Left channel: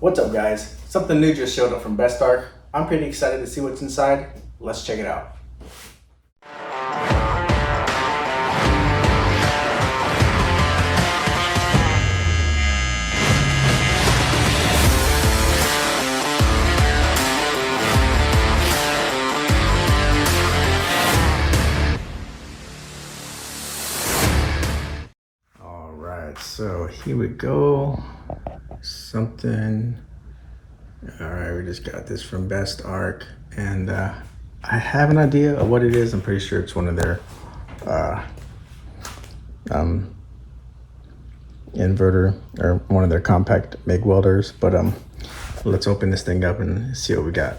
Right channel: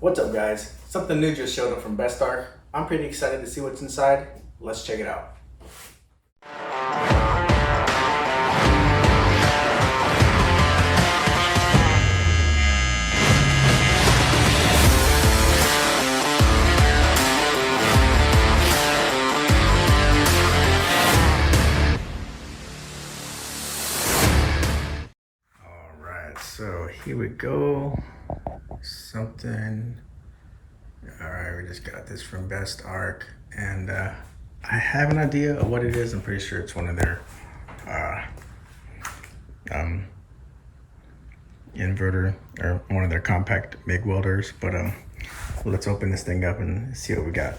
What's up guys? Something new just showed up from BestArc. I'm pretty excited to see what's inside. Let's check it out. Alright, so here we go. Alright, we just got this from BestArc, and I have an idea of what it is. I'm pretty sure it's one of their inverter, or one of their compact MIG welders, but let's open this thing up and see what we got.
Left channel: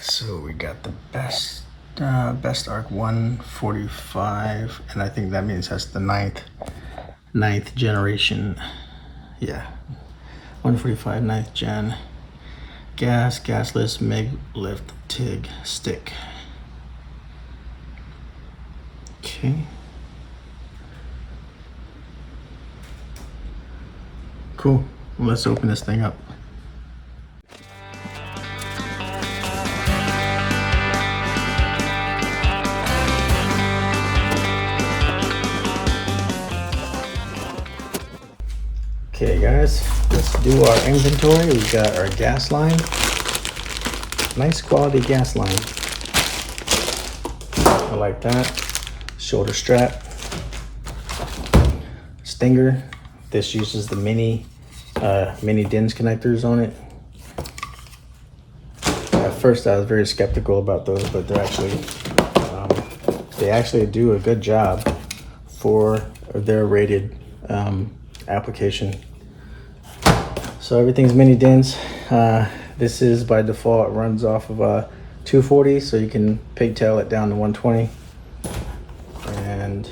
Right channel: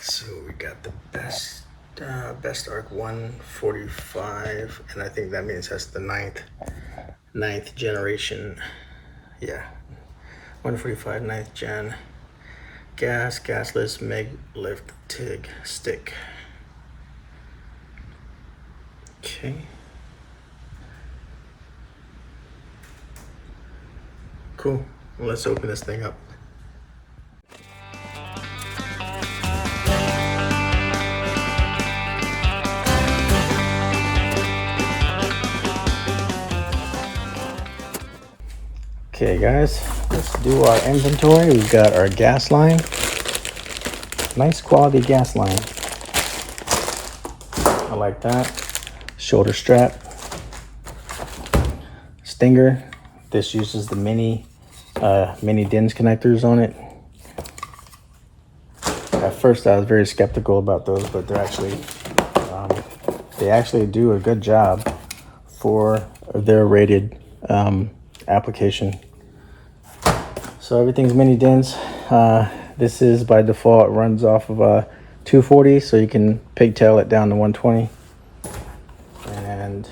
So we got the BestArc 145, and I think that means that's the ninth generation. Yeah, 145 9th gen gasless MIG lift TIG stick. Okay, cool. Let's open this thing up. Okay guys, let's do our inventory. We've got our gas line. Nice quality gas line. I like that. Shoulder strap. Stinger. This uses the mini DINS connectors on it. At first I was very skeptical about those, but they actually do a good job for their rated application. So everything's mini DINS. This is by default runs off of a 240, so you can pigtail it down to 120. And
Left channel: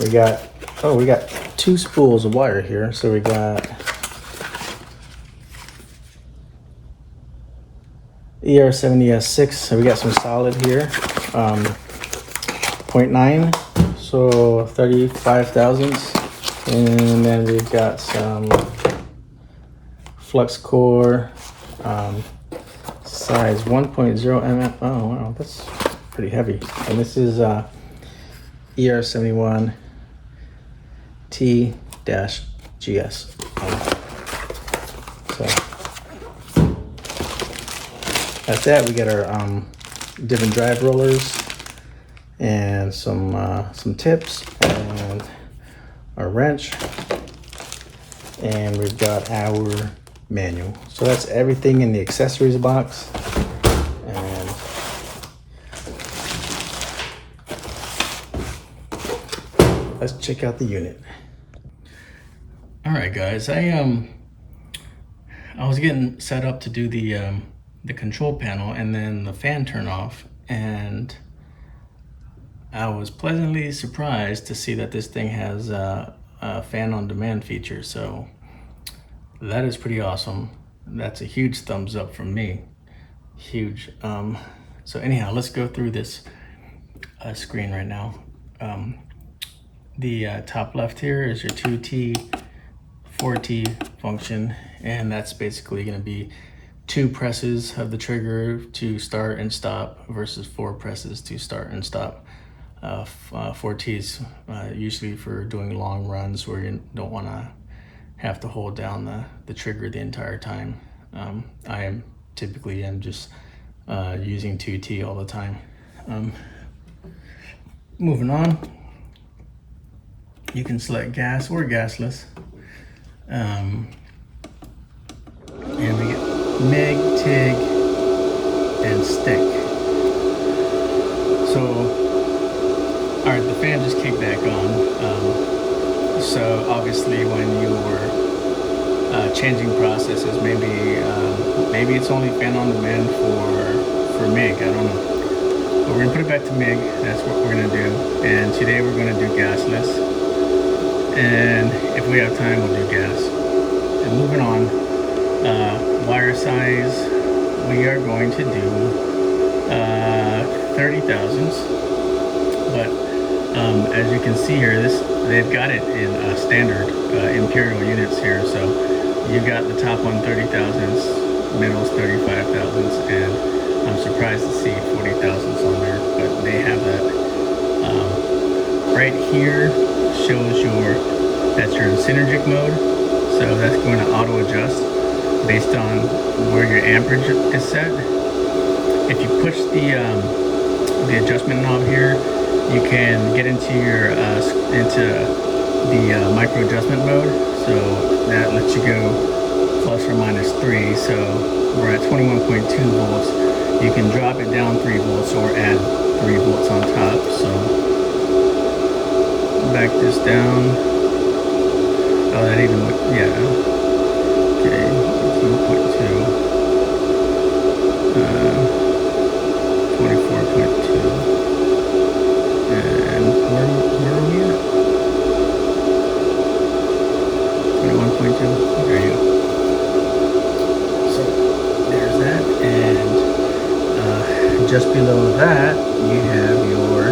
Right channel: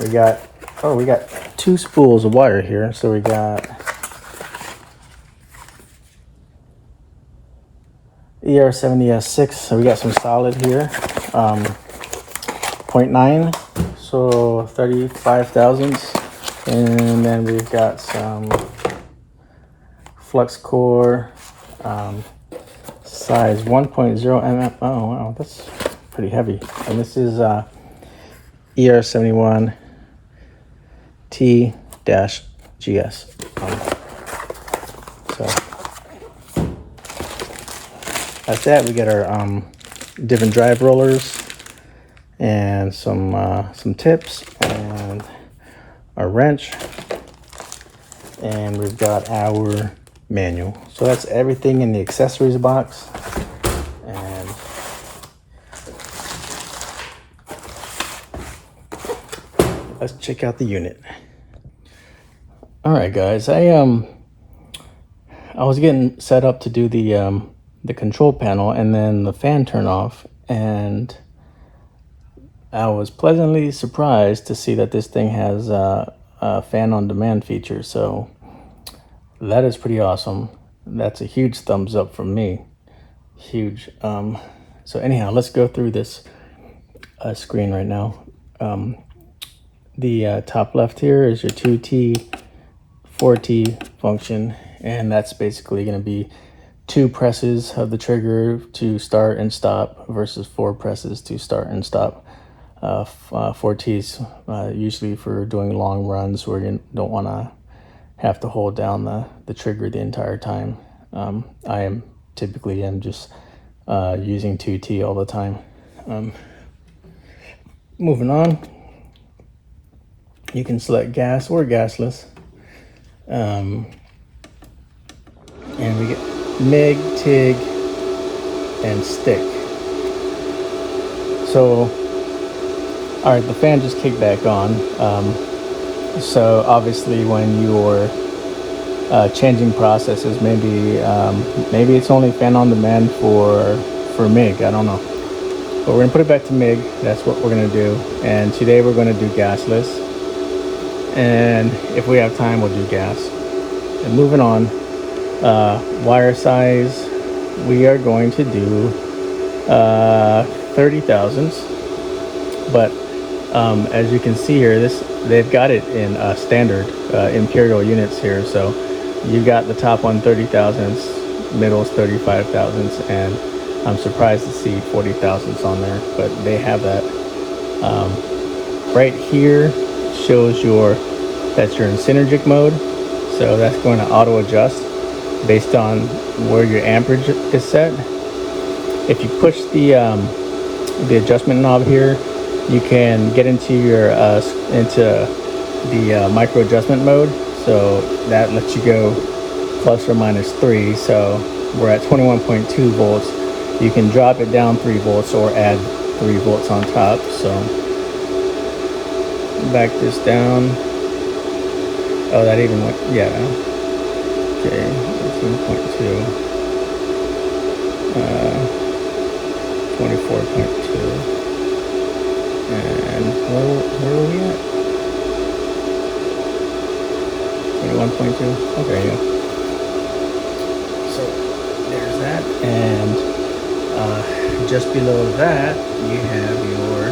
we got two spools of wire here. So we got ER70S6. So we got some solid here. 0.9, so 35 thousandths. And then we've got some flux core, size 1.0 mm. Oh wow, that's pretty heavy. And this is ER71 T-GS. So that's that. We got our different drive rollers and some tips and our wrench, and we've got our manual. So that's everything in the accessories box. And let's check out the unit. All right guys, I was getting set up to do the control panel, and then the fan turned off, and I was pleasantly surprised to see that this thing has a fan on demand feature. So that is pretty awesome. That's a huge thumbs up from me. Huge. So anyhow, let's go through this screen right now. The top left here is your 2T, 4T function, and that's basically going to be 2 presses of the trigger to start and stop versus 4 presses to start and stop. 4Ts usually for doing long runs where you don't want to have to hold down the trigger the entire time. I am typically just using 2T all the time. Moving on, you can select gas or gasless, and we get MIG, TIG, and stick. So all right, the fan just kicked back on. So obviously when you were changing processes, maybe it's only fan on demand for MIG, I don't know. But we're gonna put it back to MIG, that's what we're gonna do. And today we're gonna do gasless. and if we have time, we'll do gas. And moving on, wire size, we are going to do 30 thousandths, but as you can see here, they've got it in standard imperial units here. So you got the top one 30 thousandths, middle's 35 thousandths, and I'm surprised to see 40 thousandths on there, but they have that. Right here shows that's your in synergic mode, so that's going to auto adjust based on where your amperage is set. If you push the adjustment knob here, you can get into the micro adjustment mode, so that lets you go plus or minus 3. So we're at 21.2 volts. You can drop it down 3 volts or add 3 volts on top. So back this down. Oh, that even look, yeah. Okay, 18.2. 24.2. And where are we at? 21.2. There you go. So there's that, and just below that you have your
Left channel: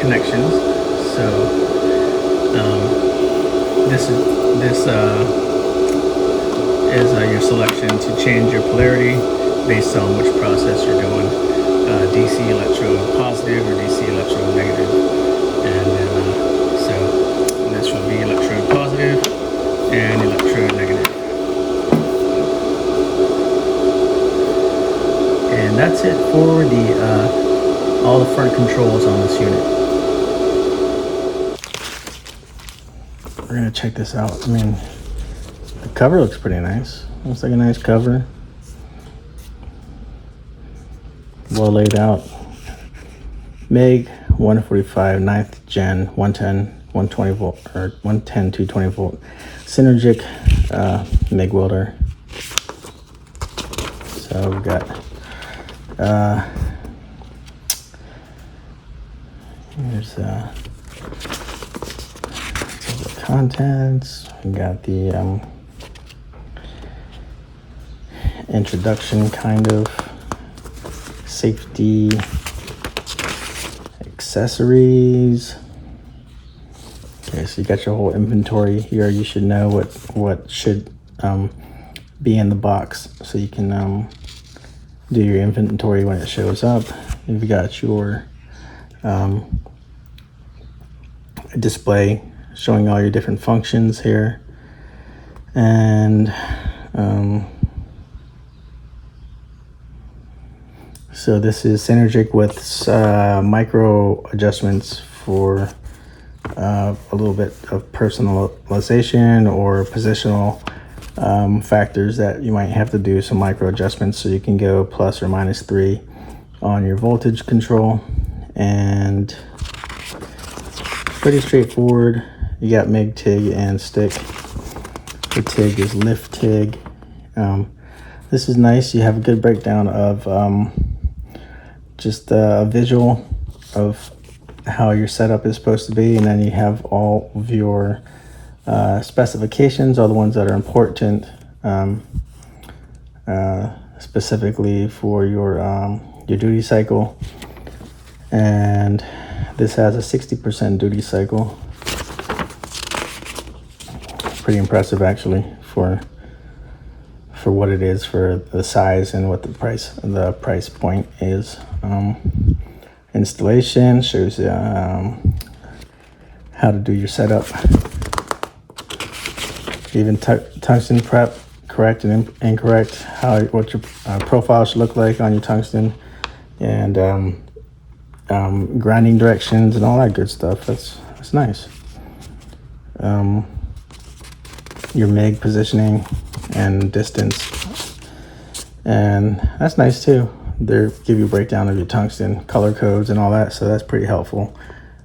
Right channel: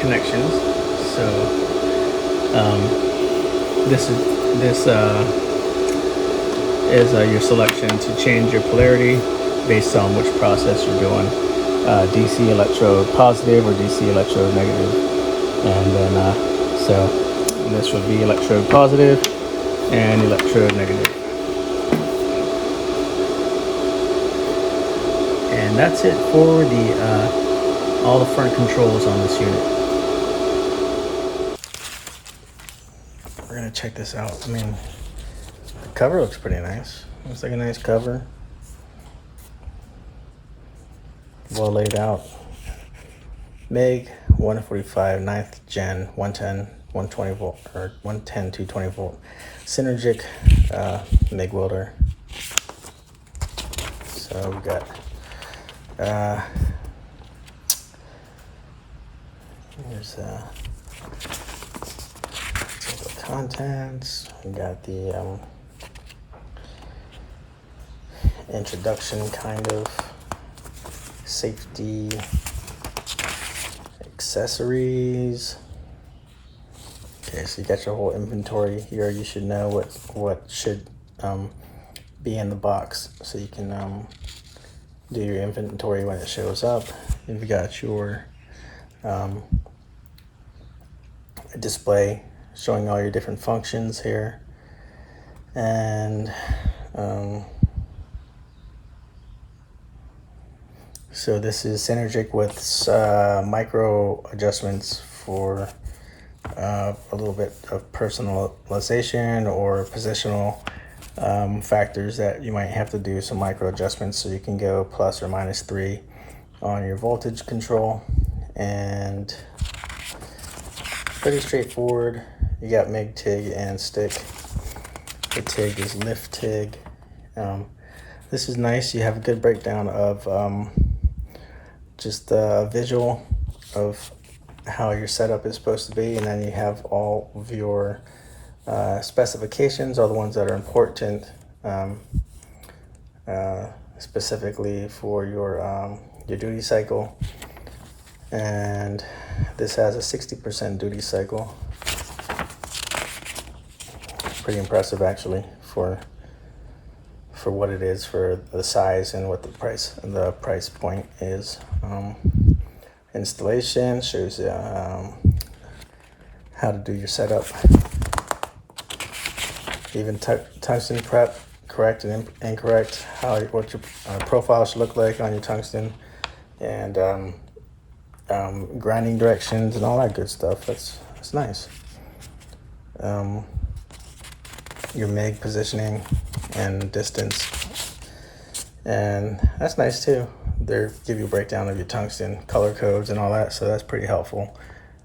connections. So this is your selection to change your polarity based on which process you're doing, DC electrode positive or DC electrode negative. And then so this would be electrode positive and electrode negative. And that's it for the all the front controls on this unit. We're gonna check this out. I mean, the cover looks pretty nice. Looks like a nice cover. Well laid out. MIG 145 9th gen 110 120 volt or 110 220 volt synergic MIG welder. So we got there's the contents. We got the introduction, kind of safety accessories. Okay, so you got your whole inventory here. You should know what should be in the box, so you can do your inventory when it shows up. You've got your display showing all your different functions here, and so this is synergic with micro adjustments for a little bit of personalization or positional factors that you might have to do some micro adjustments, so you can go plus or minus 3 on your voltage control. And pretty straightforward. You got MIG, TIG, and stick. The TIG is lift TIG. This is nice. You have a good breakdown of just a visual of how your setup is supposed to be, and then you have all of your specifications, all the ones that are important, specifically for your duty cycle. And this has a 60% duty cycle. Pretty impressive, actually, for what it is, for the size and what the price point is. Installation shows you how to do your setup. Even tungsten prep, correct and incorrect, what your profile should look like on your tungsten, and grinding directions and all that good stuff. That's nice. Your MIG positioning and distance, and that's nice too. They give you a breakdown of your tungsten color codes and all that, so that's pretty helpful.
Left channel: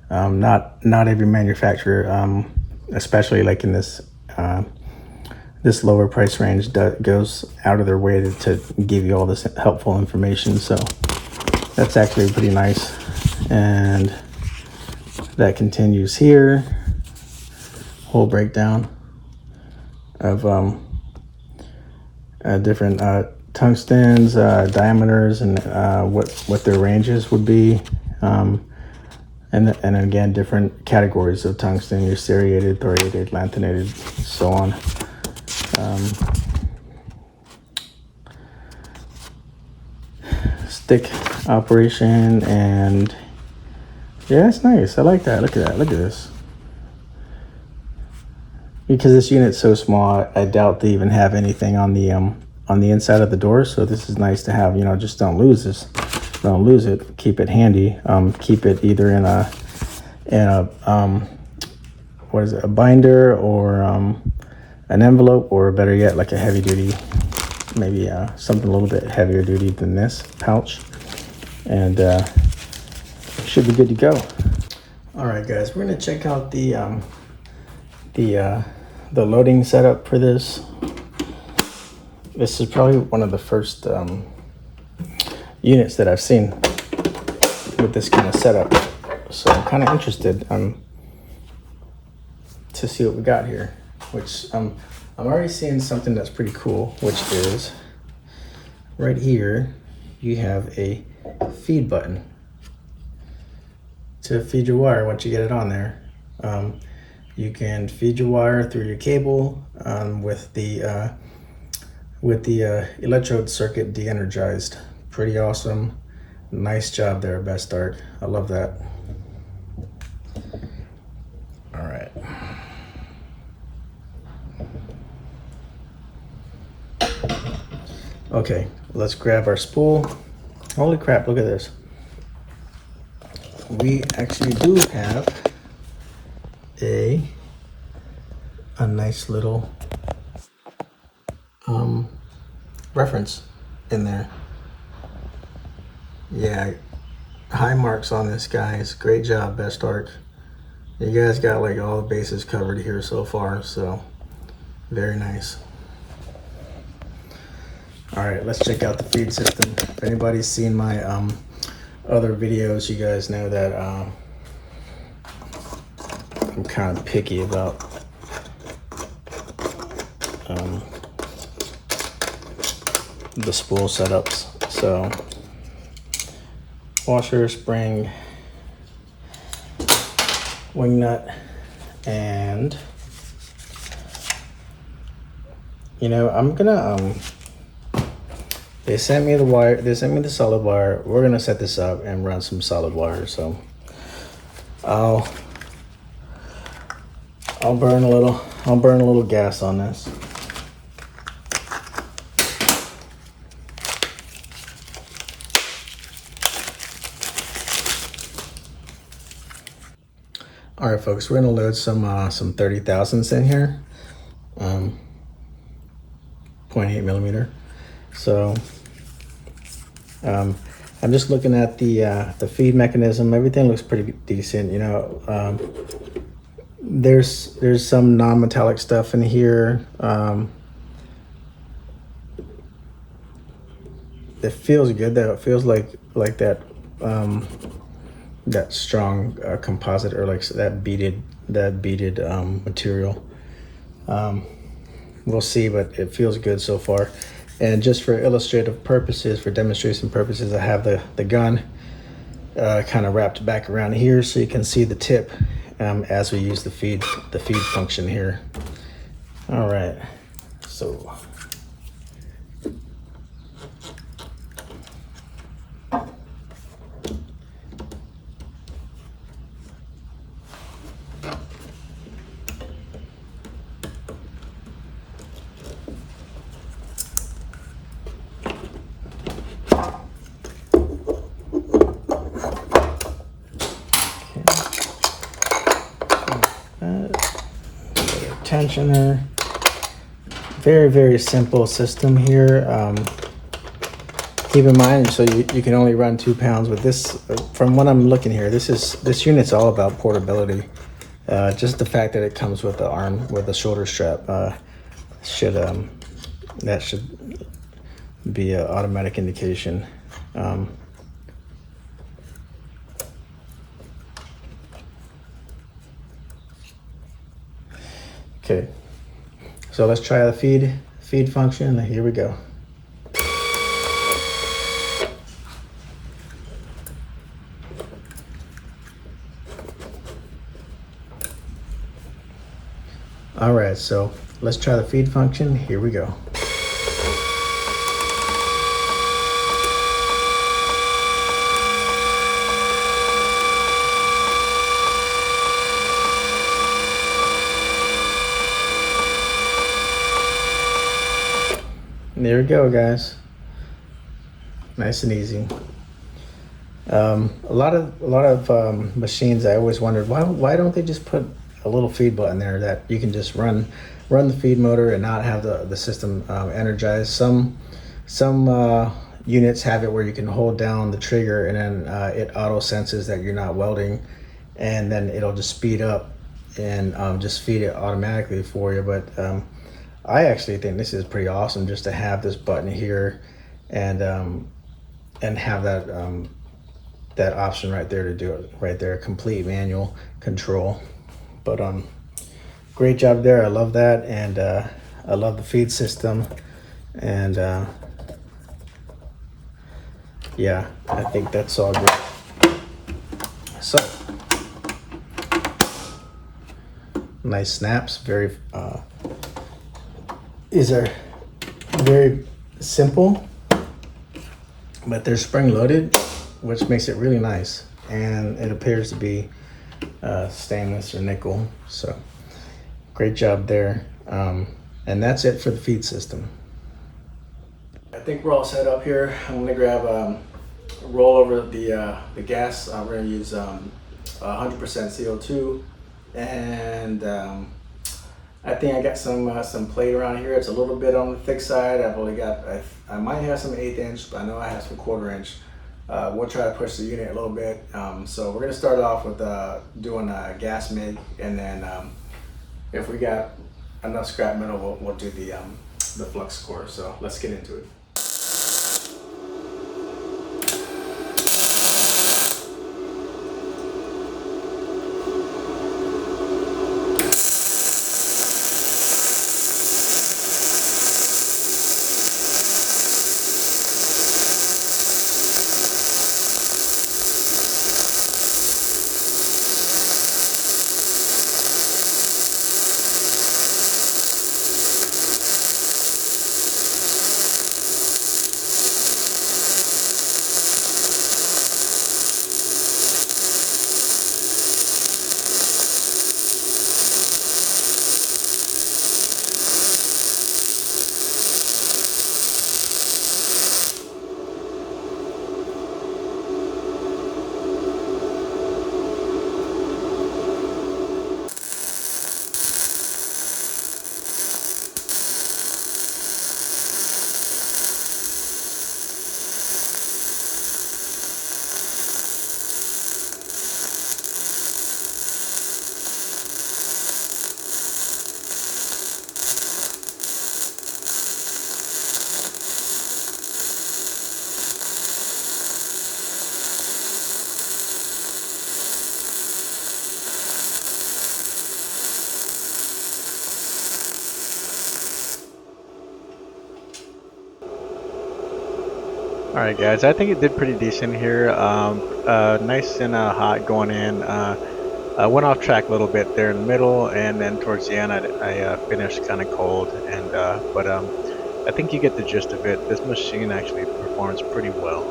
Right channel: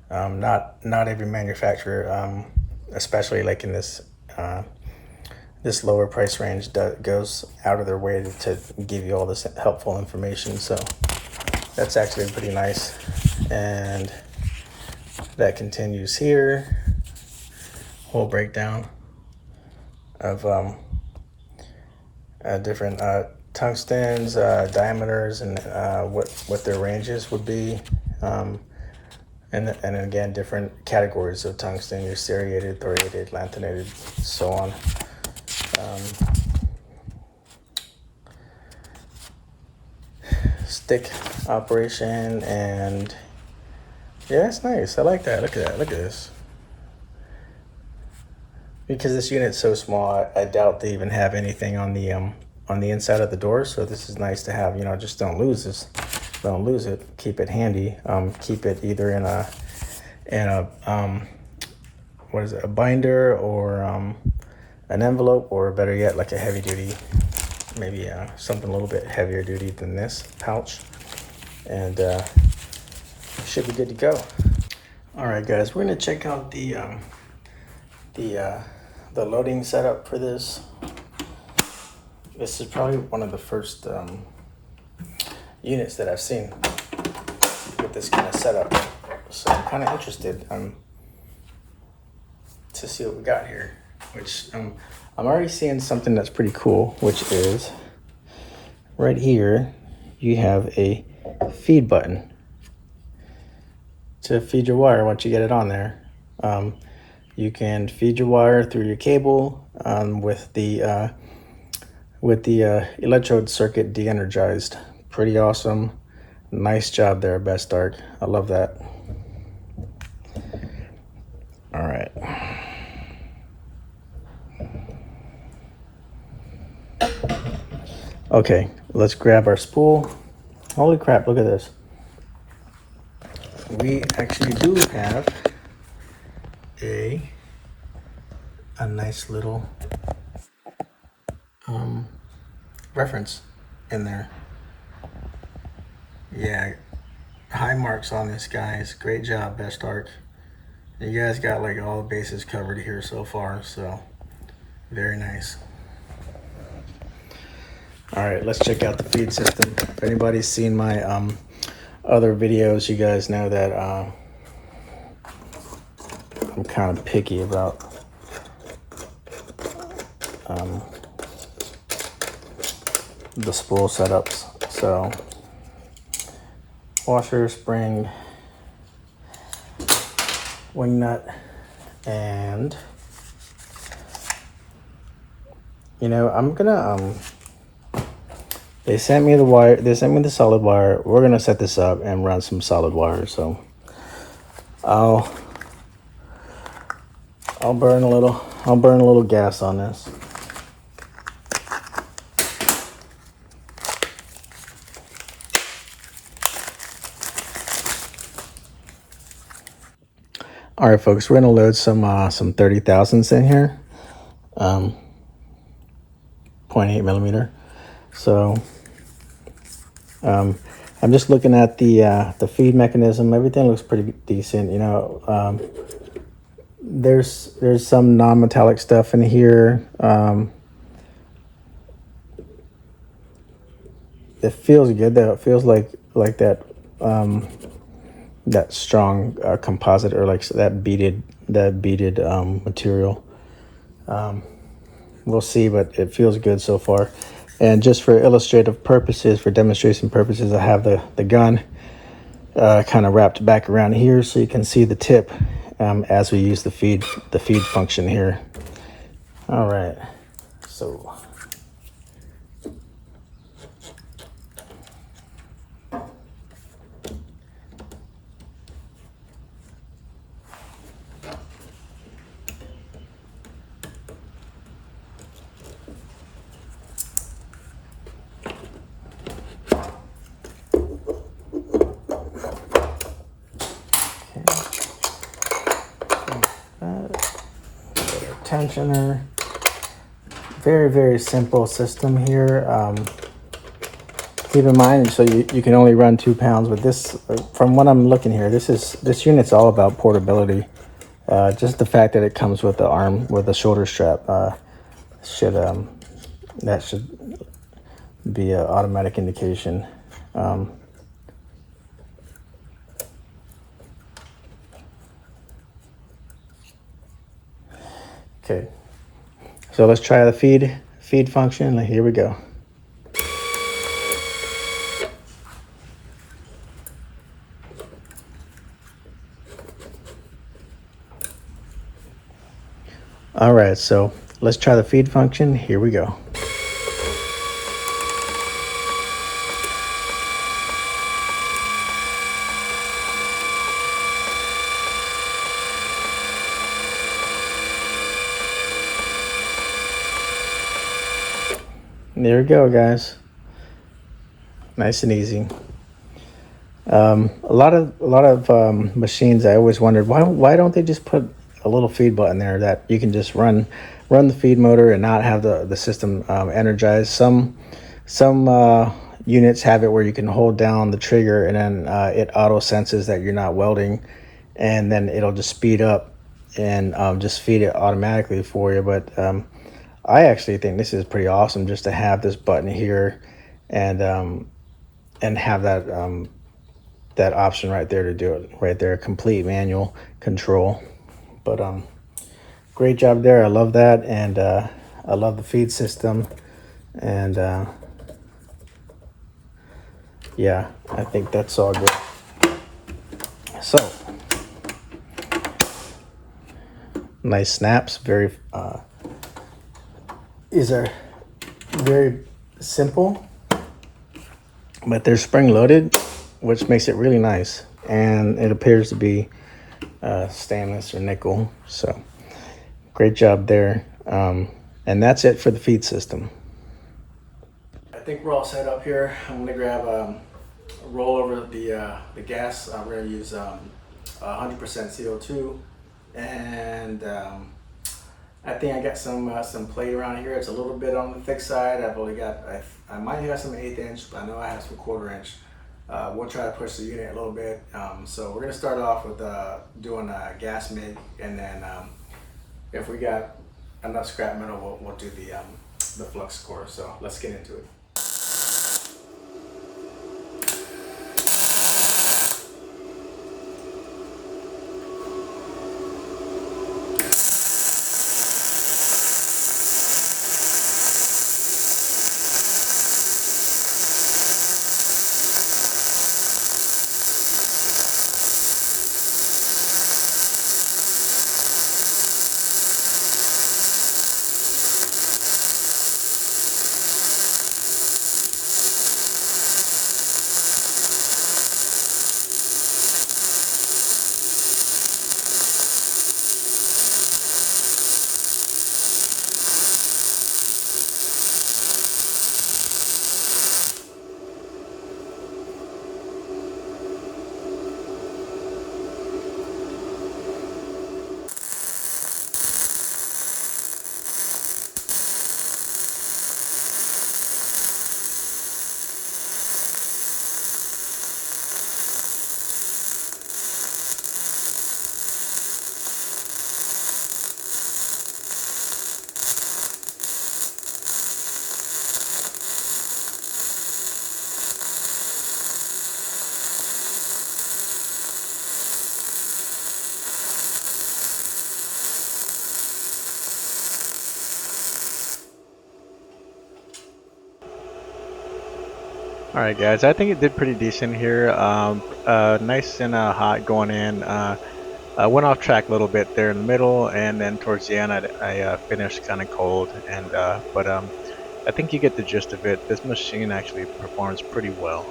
Not every manufacturer, especially like in this this lower price range, goes out of their way to give you all this helpful information. So that's actually pretty nice. And that continues here. Whole breakdown of different tungstens, diameters, and what their ranges would be. And again, different categories of tungsten: your serrated, thoriated, lanthanated, so on. Stick operation, and yeah, it's nice. I like that. Look at that. Look at this. Because this unit's so small, I doubt they even have anything on the inside of the door. So this is nice to have. You know, just don't lose this. Don't lose it. Keep it handy. Keep it either in a what is it? A binder, or an envelope, or better yet, like a heavy duty, maybe something a little bit heavier duty than this pouch, and should be good to go. All right, guys, we're gonna check out the loading setup for this. This is probably one of the first units that I've seen with this kind of setup, so I'm kind of interested to see what we got here. Which I'm already seeing something that's pretty cool, which is right here. You have a feed button to feed your wire once you get it on there. You can feed your wire through your cable with the electrode circuit de-energized. Pretty awesome. Nice job there, BestArc. I love that. All right. Okay, let's grab our spool. Holy crap, look at this. We actually do have a nice little reference in there. Yeah, high marks on this, guys. Great job, BestArc. You guys got like all the bases covered here so far, so very nice. All right, let's check out the feed system. If anybody's seen my other videos, you guys know that I'm kind of picky about the spool setups. So washer, spring, wing nut, and you know, I'm gonna they sent me the wire, they sent me the solid wire. We're gonna set this up and run some solid wire. So I'll burn a little gas on this. All right, folks, we're gonna load some 30,000s in here, 0.8 millimeter. So I'm just looking at the feed mechanism. Everything looks pretty decent. You know, there's some non-metallic stuff in here. It feels good though. It feels like that that strong composite, or like that beaded material. We'll see, but it feels good so far. And just for illustrative purposes, for demonstration purposes, I have the gun kind of wrapped back around here so you can see the tip as we use the feed function here. All right, so tensioner. Very simple system here. Keep in mind, so you can only run 2 pounds with this. From what I'm looking here, this unit's all about portability. Just the fact that it comes with the arm, with the shoulder strap, should be an automatic indication. Okay, so let's try the feed function. Here we go. All right, so let's try the feed function. Here we go. There we go, guys. Nice and easy. A lot of machines, I always wondered why don't they just put a little feed button there that you can just run the feed motor and not have the system energized. Some units have it where you can hold down the trigger and then it auto senses that you're not welding, and then it'll just speed up and just feed it automatically for you. But I actually think this is pretty awesome just to have this button here and have that that option right there to do it right there, complete manual control. But great job there. I love that, and I love the feed system, and yeah, I think that's all great. So nice snaps. These are very simple, but they're spring loaded, which makes it really nice, and it appears to be stainless or nickel. So great job there. And that's it for the feed system. I think we're all set up here. I'm gonna grab roll over the gas. We're gonna use 100% CO2, and I think I got some plate around here. It's a little bit on the thick side. I've only got, I might have some 1/8 inch, but I know I have some 1/4 inch. We'll try to push the unit a little bit. So we're gonna start off with doing a gas MIG, and then if we got enough scrap metal, we'll do the flux core. So let's get into it. All right, guys, I think it did pretty decent here. Nice and hot going in. I went off track a little bit there in the middle, and then towards the end, I finished kind of cold. And but I think you get the gist of it. This machine actually performs pretty well.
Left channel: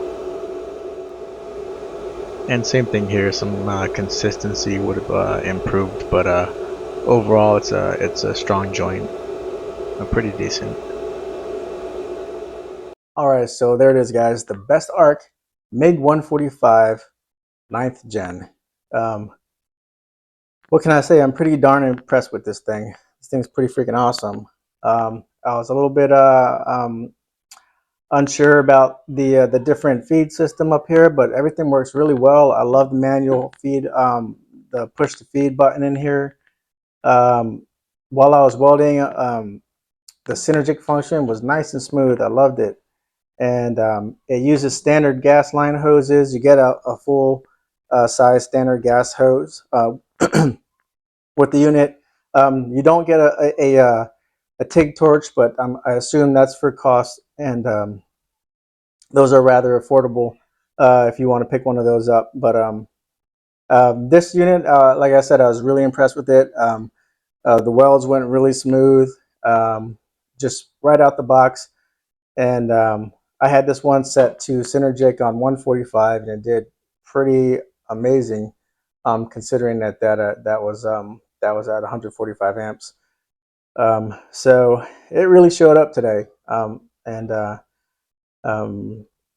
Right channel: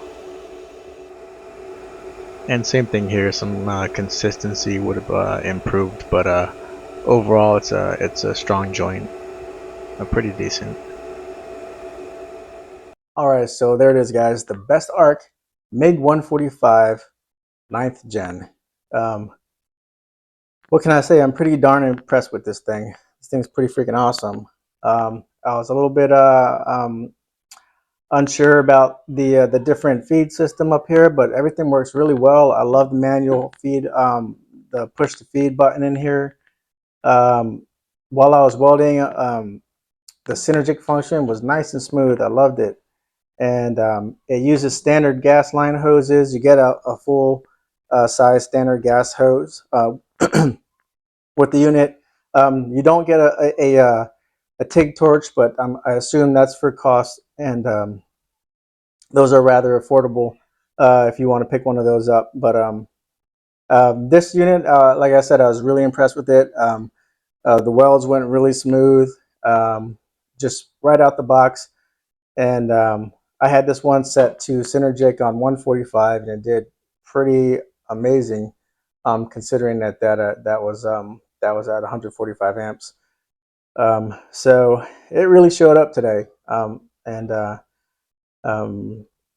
And same thing here. Some consistency would have improved, but overall, it's a strong joint, pretty decent. All right, so there it is, guys. The BestArc MIG 145 9th gen. What can I say? I'm pretty darn impressed with this thing. This thing's pretty freaking awesome. I was a little bit unsure about the different feed system up here, but everything works really well. I love the manual feed, the push to feed button in here. While I was welding, the synergic function was nice and smooth. I loved it. And it uses standard gas line hoses. You get a full size standard gas hose with the unit. You don't get a TIG torch, but I assume that's for cost, and those are rather affordable if you want to pick one of those up. But this unit, like I said, I was really impressed with it. The welds went really smooth, just right out the box. And I had this one set to Synergic on 145, and it did pretty amazing, considering that was at 145 amps. So it really showed up today. And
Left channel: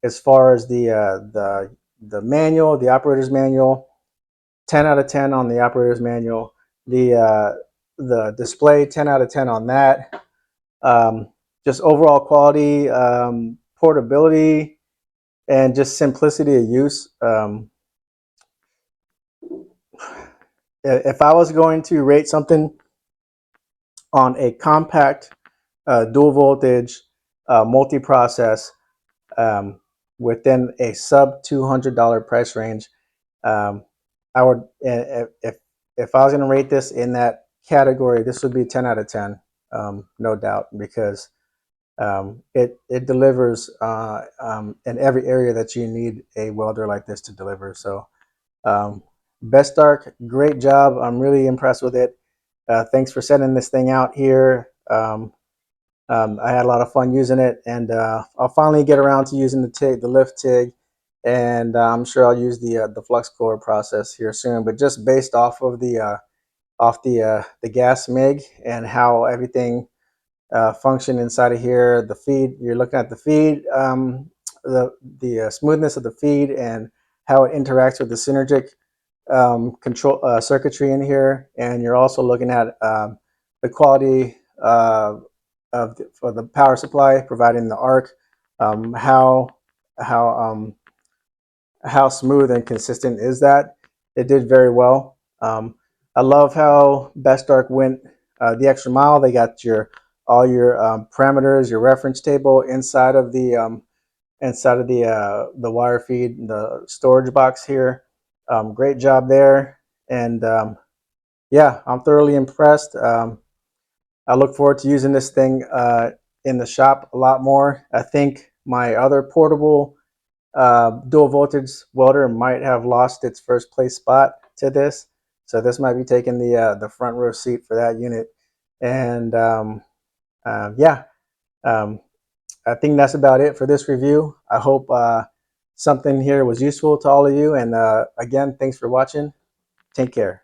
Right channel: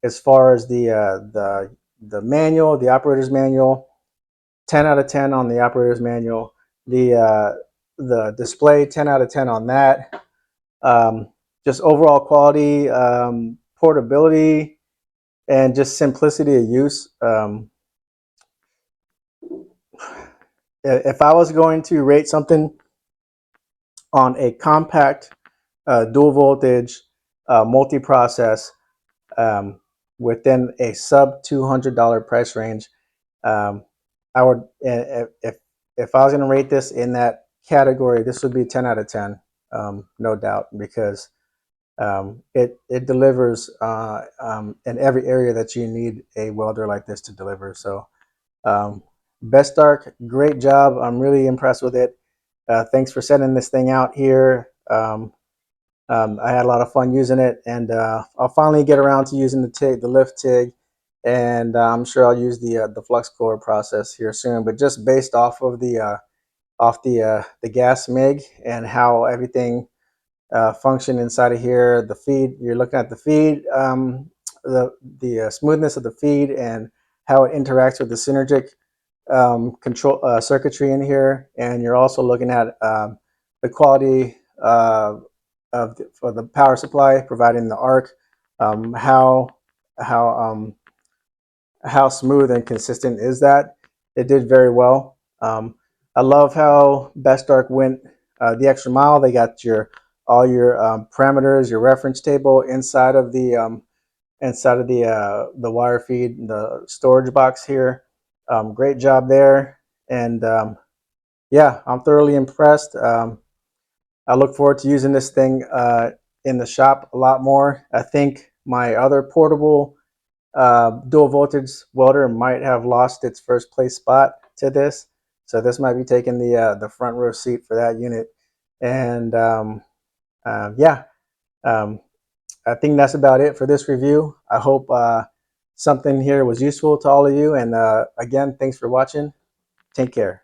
as far as the manual, the operator's manual, 10 out of 10 on the operator's manual. The display, 10 out of 10 on that. Just overall quality, portability, and just simplicity of use. If I was going to rate something on a compact, dual voltage, multi-process, within a sub $200 price range, I would, if I was going to rate this in that category, this would be 10 out of 10, no doubt, because it delivers in every area that you need a welder like this to deliver. So BestArc, great job. I'm really impressed with it. Thanks for sending this thing out here. I had a lot of fun using it, and I'll finally get around to using the TIG, the lift TIG, and I'm sure I'll use the flux core process here soon. But just based off of the gas MIG and how everything function inside of here, the feed, you're looking at the feed, the smoothness of the feed and how it interacts with the synergic control circuitry in here, and you're also looking at the quality for the power supply, providing the arc, how how how smooth and consistent is that? It did very well. I love how BestArc went the extra mile. They got all your parameters, your reference table inside of the wire feed, the storage box here. Great job there, and yeah, I'm thoroughly impressed. I look forward to using this thing in the shop a lot more. I think my other portable dual voltage welder might have lost its first place spot to this, so this might be taking the front row seat for that unit. And yeah, um, I think that's about it for this review. I hope something here was useful to all of you, and again, thanks for watching. Take care.